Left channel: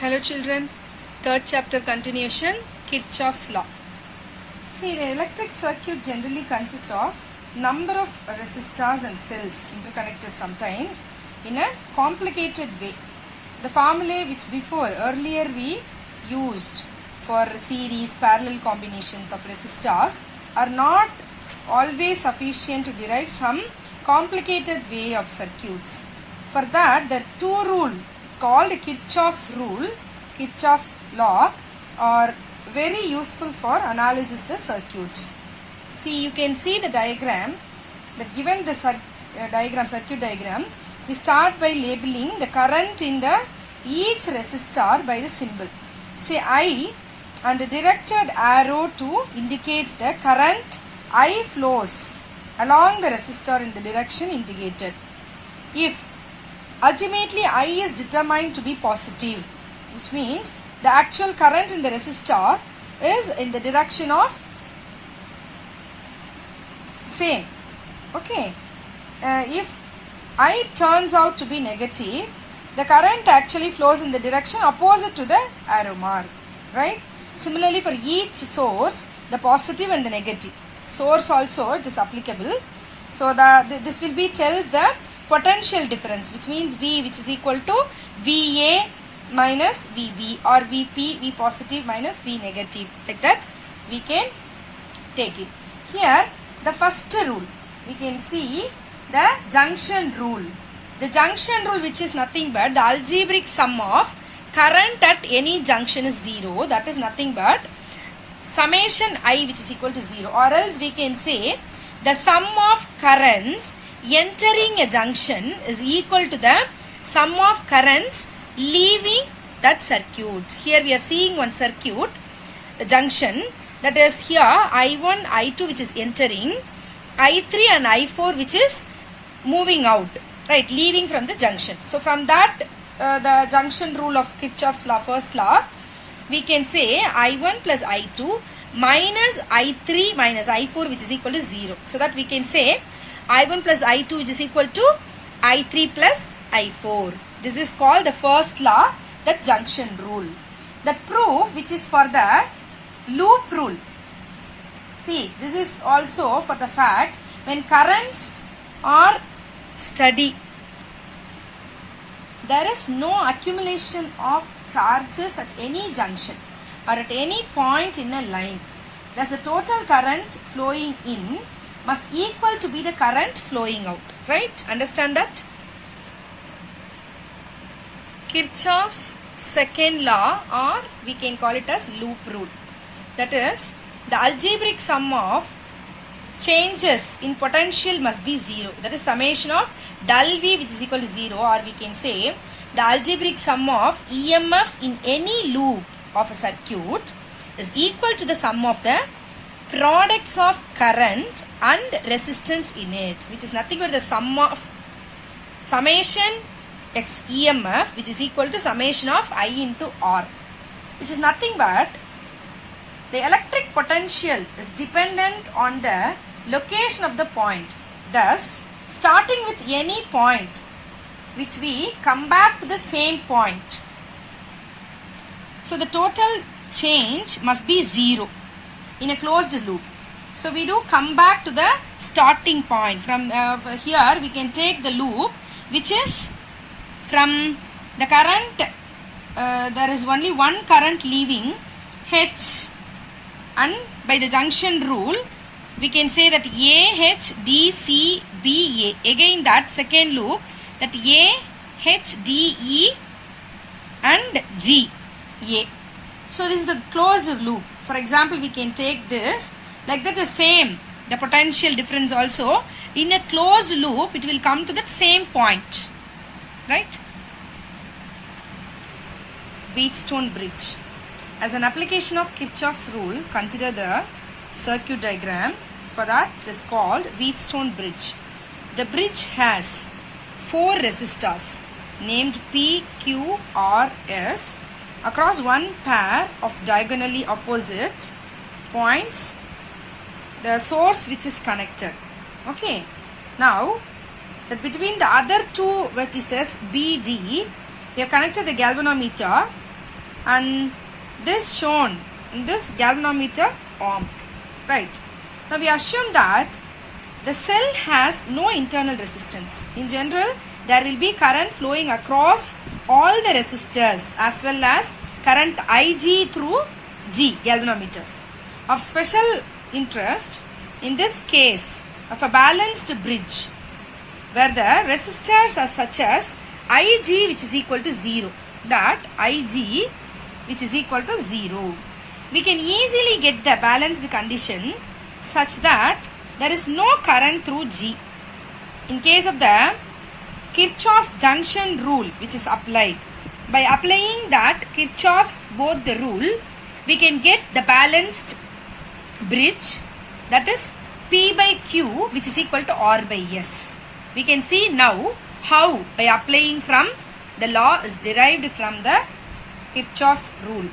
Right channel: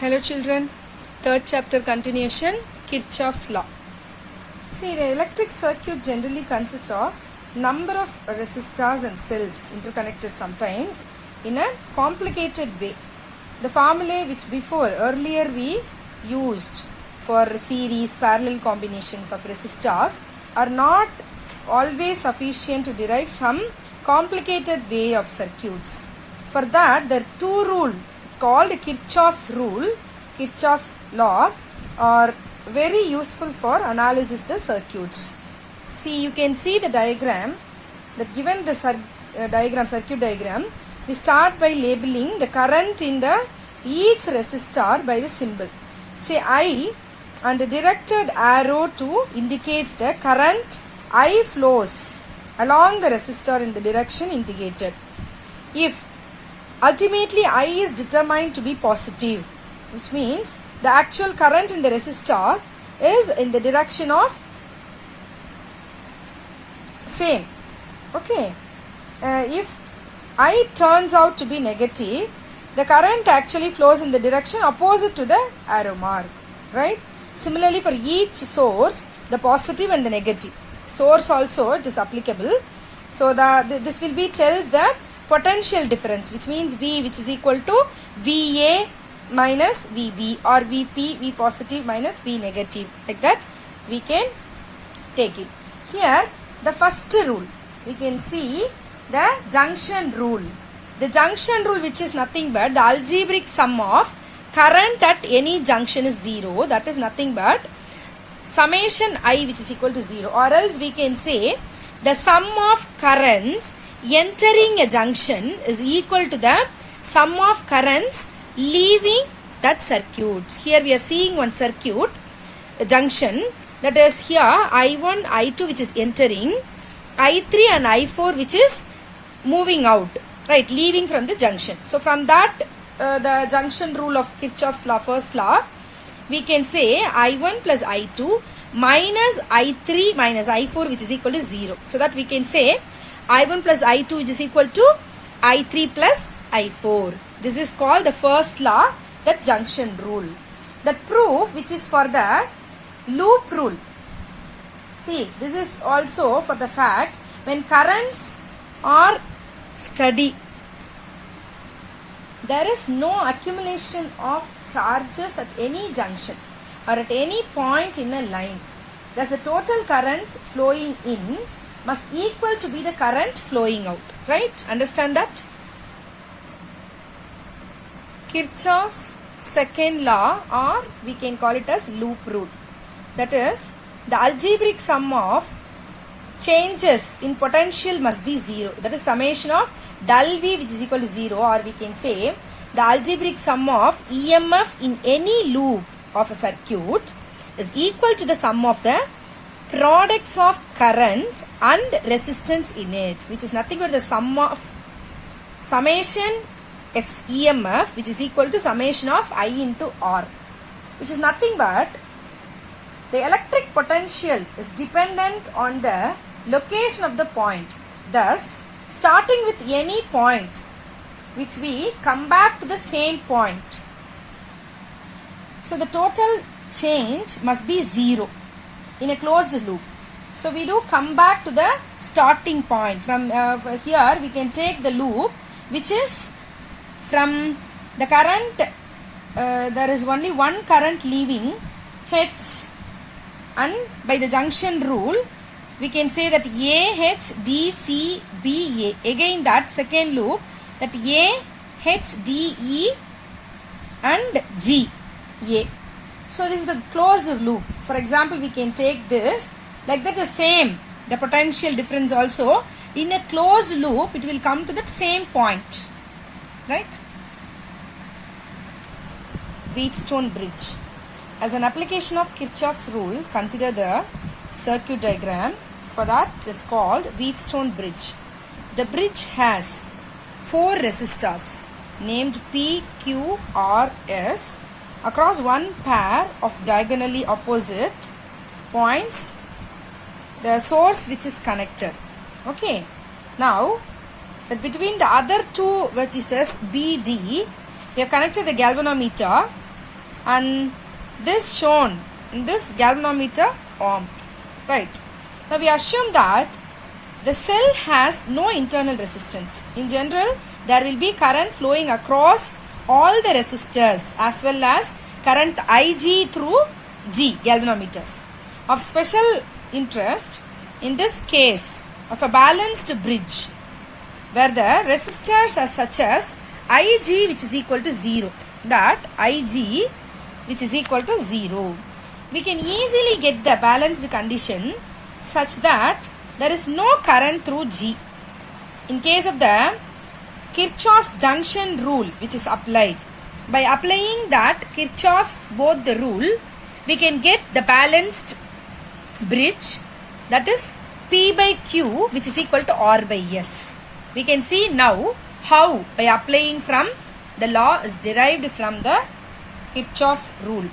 Hello children, third chapter continuation, Kirchhoff's law. See, the electric circuit generally consists of number of resistors and cells interconnected sometimes in a complicated way. The formulae which earlier we used for series parallel combinations of resistors are not always sufficient to derive some complicated way of circuits. For that, the two rules called Kirchhoff's rule, Kirchhoff's law, are very useful for analysis the circuits. See, you can see the diagram that given the circuit diagram, we start by labeling the current in the each resistor by the symbol. Say I and a directed arrow to indicates the current I flows along the resistor in the direction indicated. If ultimately I is determined to be positive, which means the actual current in the resistor is in the direction of same. Okay. If I turns out to be negative, the current actually flows in the direction opposite to the arrow mark. Right? Similarly, for each source, the positive and the negative. Source also it is applicable. So this will be tells the potential difference, which means V, which is equal to VA minus VB, or VP, V positive minus V negative. Like that we can take it. Here the first rule, we can see the junction rule. The junction rule, which is nothing but the algebraic sum of current at any junction is 0. That is nothing but summation I, which is equal to 0. Or else we can say the sum of currents entering a junction is equal to the sum of currents leaving that circuit. Here we are seeing one circuit, a junction, that is here I1, I2 which is entering, I3 and I4 which is moving out, right, leaving from the junction. So from that the junction rule of Kirchhoff's law, first law, we can say I1 plus I2 minus I3 minus I4 which is equal to 0. So that we can say I1 plus I2 which is equal to I3 plus I4. This is called the first law, the junction rule. The proof, which is for the loop rule. See, this is also for the fact when currents are steady, there is no accumulation of charges at any junction or at any point in a line. Thus the total current flowing in must equal to be the current flowing out. Right? Understand that? Kirchhoff's second law, or we can call it as loop rule. That is, the algebraic sum of changes in potential must be 0. That is summation of del V which is equal to 0, or we can say the algebraic sum of EMF in any loop of a circuit is equal to the sum of the products of current and resistance in it, which is nothing but the sum of summation of EMF which is equal to summation of I into R, which is nothing but the electric potential is dependent on the location of the point. Thus, starting with any point which we come back to the same point. So the total change must be 0 in a closed loop. So we do come back to the starting point. From here we can take the loop which is from the current, there is only one current leaving H, and by the junction rule we can say that A, H, D, C, B, A. Again that second loop, that A, H, D, E and G, A. So this is the closed loop. For example, we can take this like that, the same, the potential difference also in a closed loop it will come to that same point. Right? Wheatstone bridge. As an application of Kirchhoff's rule, consider the circuit diagram. For that it is called Wheatstone bridge. The bridge has 4 resistors named P, Q, R, S across one pair of diagonally opposite points, the source which is connected. Okay. Now that between the other two vertices BD, we have connected the galvanometer and this shown in this galvanometer arm, right? Now we assume that the cell has no internal resistance. In general, there will be current flowing across all the resistors as well as current Ig through G galvanometers. Of special interest in this case of a balanced bridge where the resistors are such as Ig which is equal to 0, that Ig which is equal to 0. We can easily get the balanced condition such that there is no current through G. In case of the Kirchhoff's junction rule which is applied, by applying that Kirchhoff's both the rule, we can get the balanced bridge, that is P by Q which is equal to R by S. We can see now how by applying from the law is derived from the Kirchhoff's rule.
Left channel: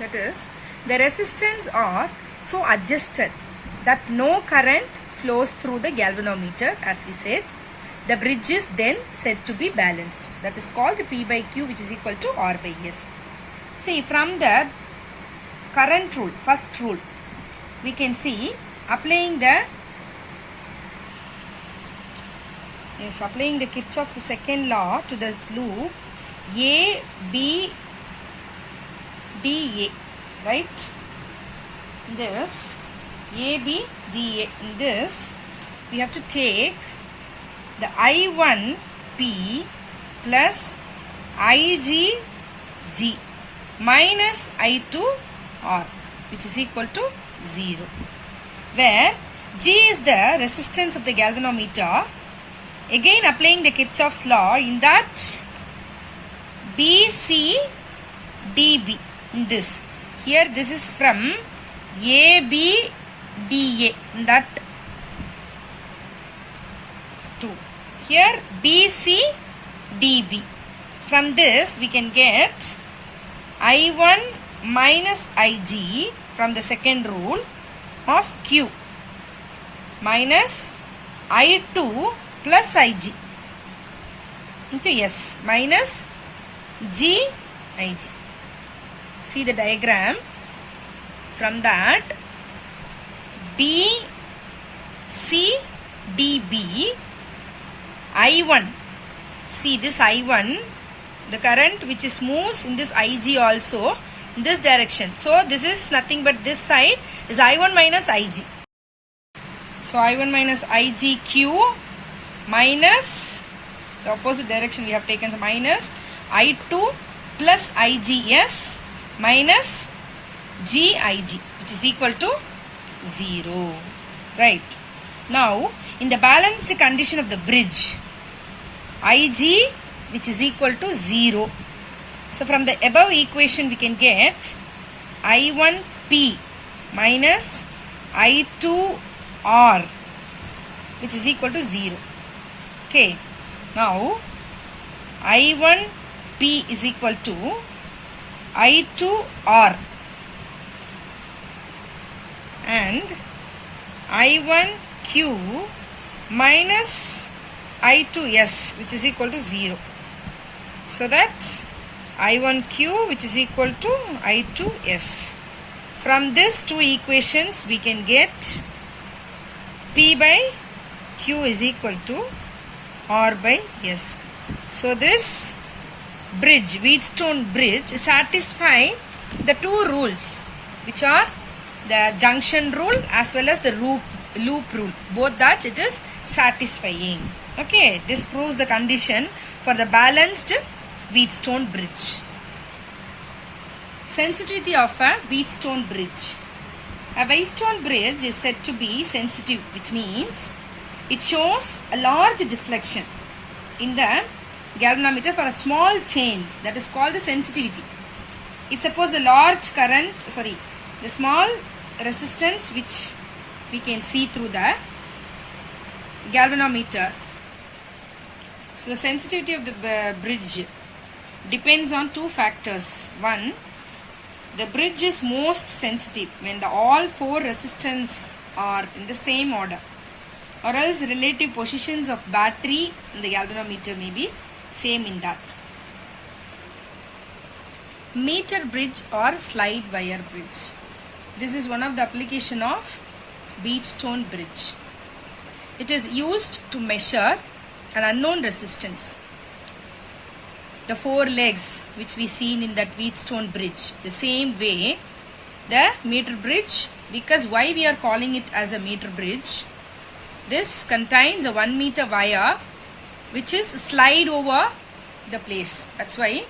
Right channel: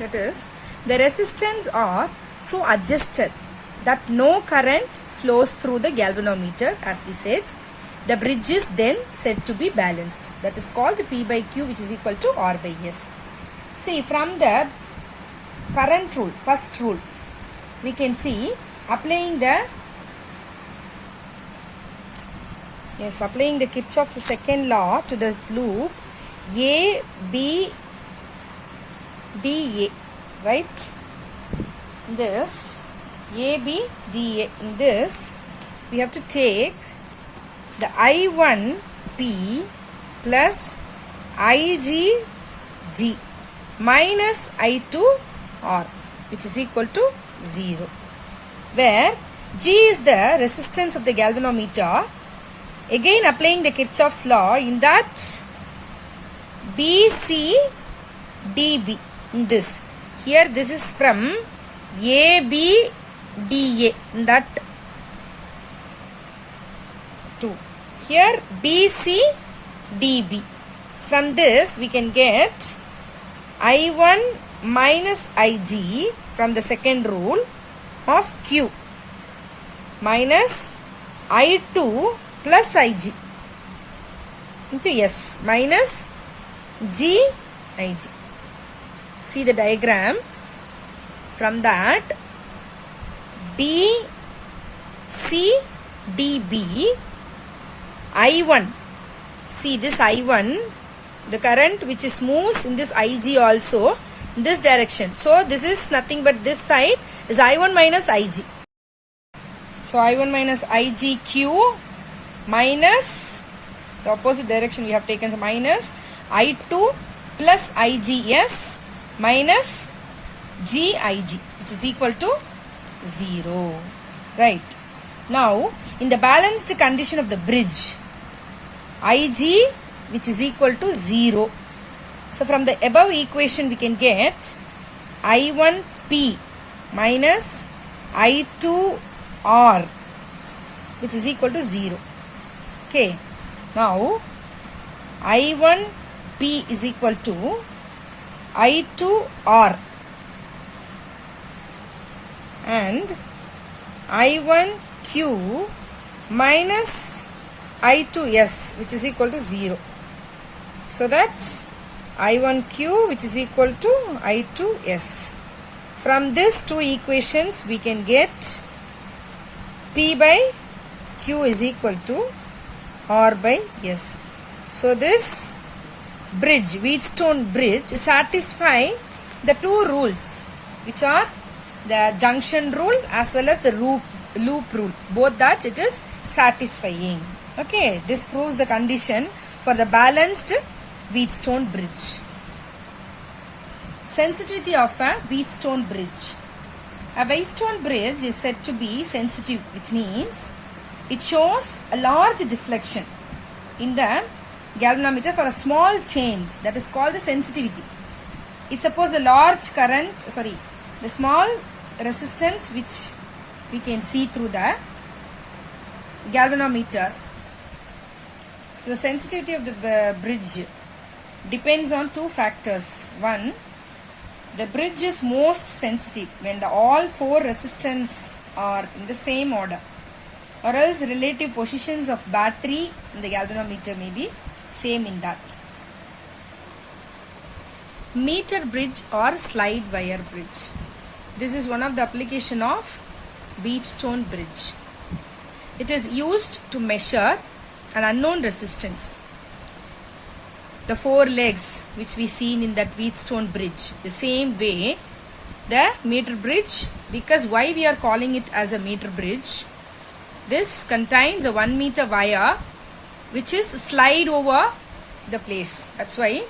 That is, the resistance are so adjusted that no current flows through the galvanometer, as we said. The bridge is then said to be balanced. That is called P by Q which is equal to R by S. See, from the current rule, first rule, we can see applying the Kirchhoff's second law to the loop A, B, D, A, right? This A, B, D, A. In this, we have to take the I1 P plus IG G minus I2 R which is equal to 0, where G is the resistance of the galvanometer. Again applying the Kirchhoff's law, in that BC DB, in this, here this is from AB DA, in that 2. Here BC DB. From this we can get I1 minus Ig from the second rule of Q minus I2 plus Ig into S minus G Ig. See the diagram. From that B C D B I1. See this I1, the current which is moves in this Ig also in this direction. So this is nothing but this side is I1 minus Ig. So I1 minus IgQ minus the opposite direction we have taken, so minus I2 plus IGS minus GIG which is equal to 0. Right. Now in the balanced condition of the bridge, Ig which is equal to 0. So from the above equation we can get I1P minus I2R which is equal to 0. Okay. Now I1P is equal to I2R and I1Q minus I2S which is equal to 0. So that I1Q which is equal to I2S. From these two equations we can get P by Q is equal to R by S. So this bridge, Wheatstone bridge, satisfy the two rules which are the junction rule as well as the loop rule. Both that it is satisfying. Okay, this proves the condition for the balanced Wheatstone bridge. Sensitivity of a Wheatstone bridge. A Wheatstone bridge is said to be sensitive, which means it shows a large deflection in the galvanometer for a small change, that is called the sensitivity. If suppose the small resistance which we can see through the galvanometer. So the sensitivity of the bridge depends on two factors. One, the bridge is most sensitive when all four resistance are in the same order. or else relative positions of battery in the galvanometer may be same in that. Meter bridge or slide wire bridge. This is one of the application of Wheatstone bridge. It is used to measure an unknown resistance. The 4 legs which we seen in that Wheatstone bridge. The same way the meter bridge, because why we are calling it as a meter bridge, this contains a 1 meter wire which is slide over the place. That's why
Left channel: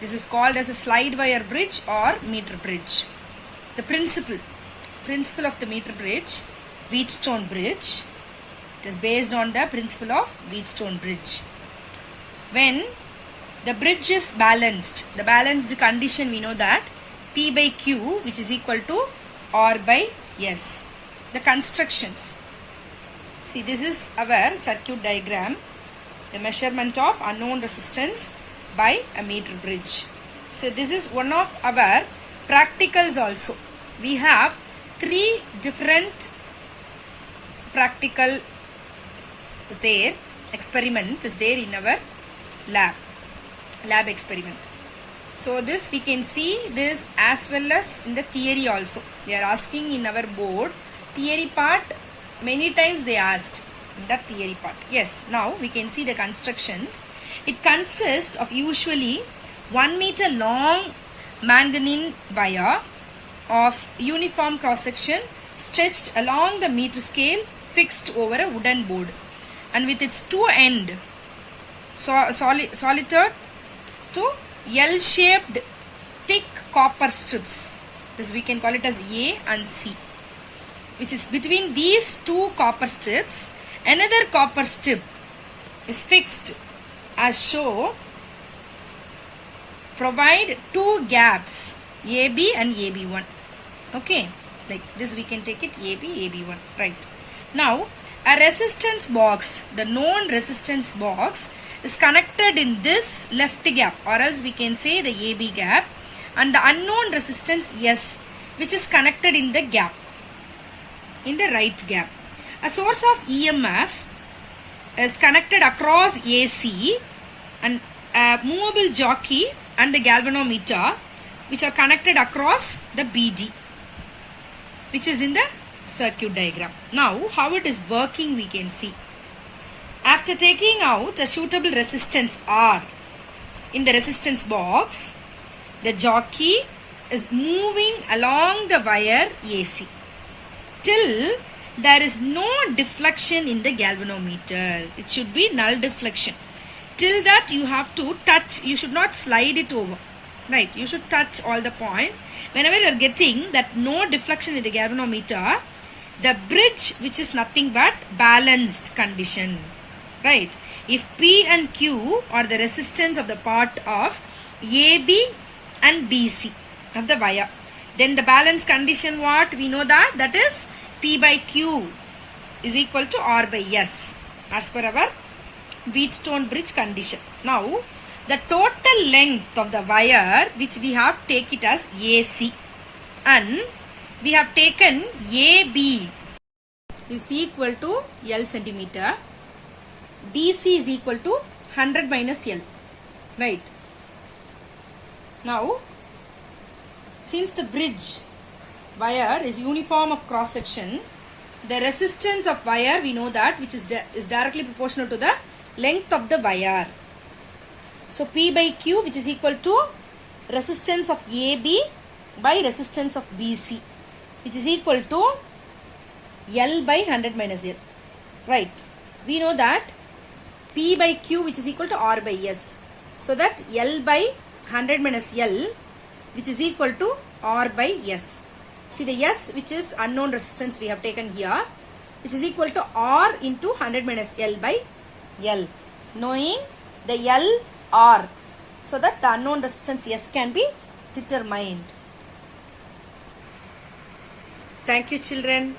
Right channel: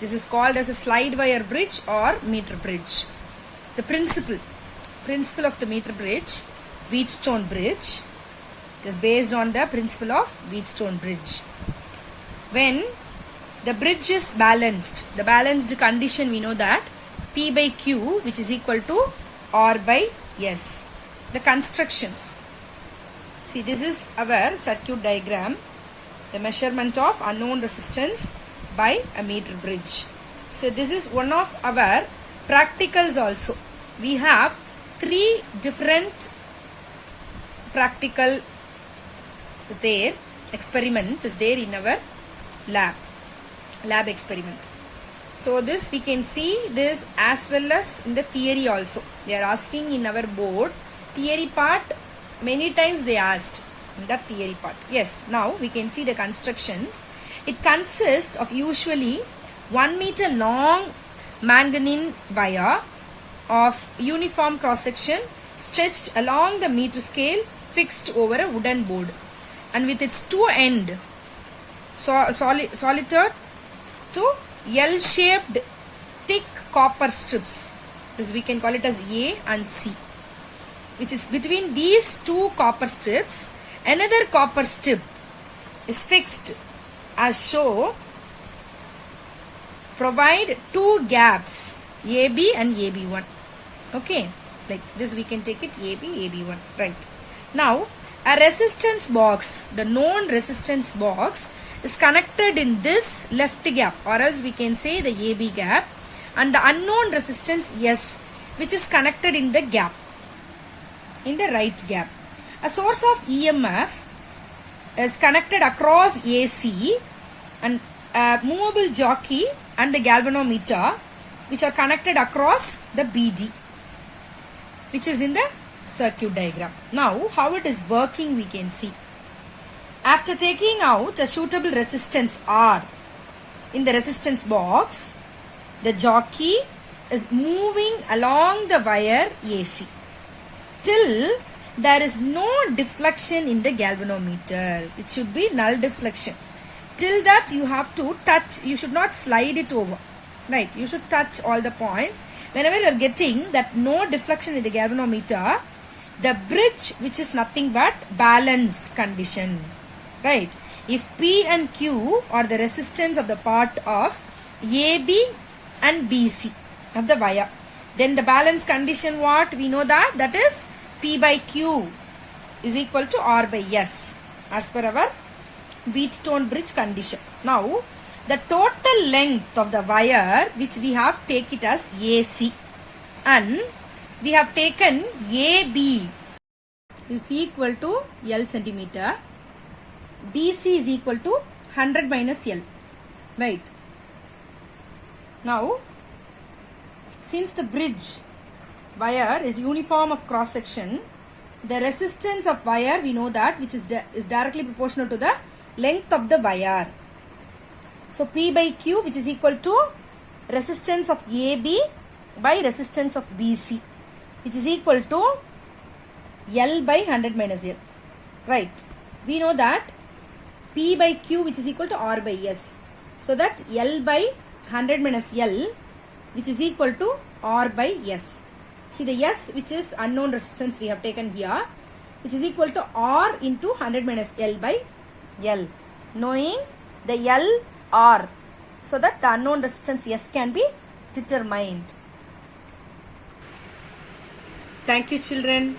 this is called as a slide wire bridge or meter bridge. The principle of the meter bridge, Wheatstone bridge, it is based on the principle of Wheatstone bridge. When the bridge is balanced, the balanced condition we know that P by Q which is equal to R by S. The constructions. See, this is our circuit diagram. The measurement of unknown resistance by a meter bridge. So this is one of our practicals also. We have 3 different practical is there, experiment is there in our lab experiment. So this we can see this as well as in the theory also. They are asking in our board theory part, many times they asked in the theory part. Yes, now we can see the constructions. It consists of usually 1 meter long manganese wire of uniform cross section stretched along the meter scale fixed over a wooden board, and with its 2 end soldered to L-shaped thick copper strips. This we can call it as A and C, which is between these 2 copper strips another copper strip is fixed as shown. Provide 2 gaps AB and AB1. Okay, like this we can take it AB, AB1, right. Now a resistance box, the known resistance box is connected in this left gap, or else we can say the AB gap, and the unknown resistance S which is connected in the gap, in the right gap. A source of EMF is connected across AC, and a movable jockey and the galvanometer which are connected across the BD, which is in the circuit diagram. Now how it is working we can see. After taking out a suitable resistance R in the resistance box, the jockey is moving along the wire AC till there is no deflection in the galvanometer. It should be null deflection. Till that you have to touch, you should not slide it over. Right, you should touch all the points. Whenever you are getting that no deflection in the galvanometer, the bridge which is nothing but balanced condition. Right, if P and Q are the resistance of the part of AB and BC of the wire, then the balance condition what? We know that that is P by Q is equal to R by S as per our Wheatstone bridge condition. Now the total length of the wire which we have take it as AC, and we have taken AB is equal to L centimeter, BC is equal to 100 minus L, right. Now since the bridge wire is uniform of cross section, the resistance of wire we know that which is directly proportional to the length of the wire. So P by Q which is equal to resistance of AB by resistance of BC, which is equal to L by 100 minus L, right. We know that P by Q which is equal to R by S, so that L by 100 minus L which is equal to R by S. See the S which is unknown resistance we have taken here, which is equal to R into 100 minus L by L, knowing the L R, so that the unknown resistance S can be determined. Thank you children.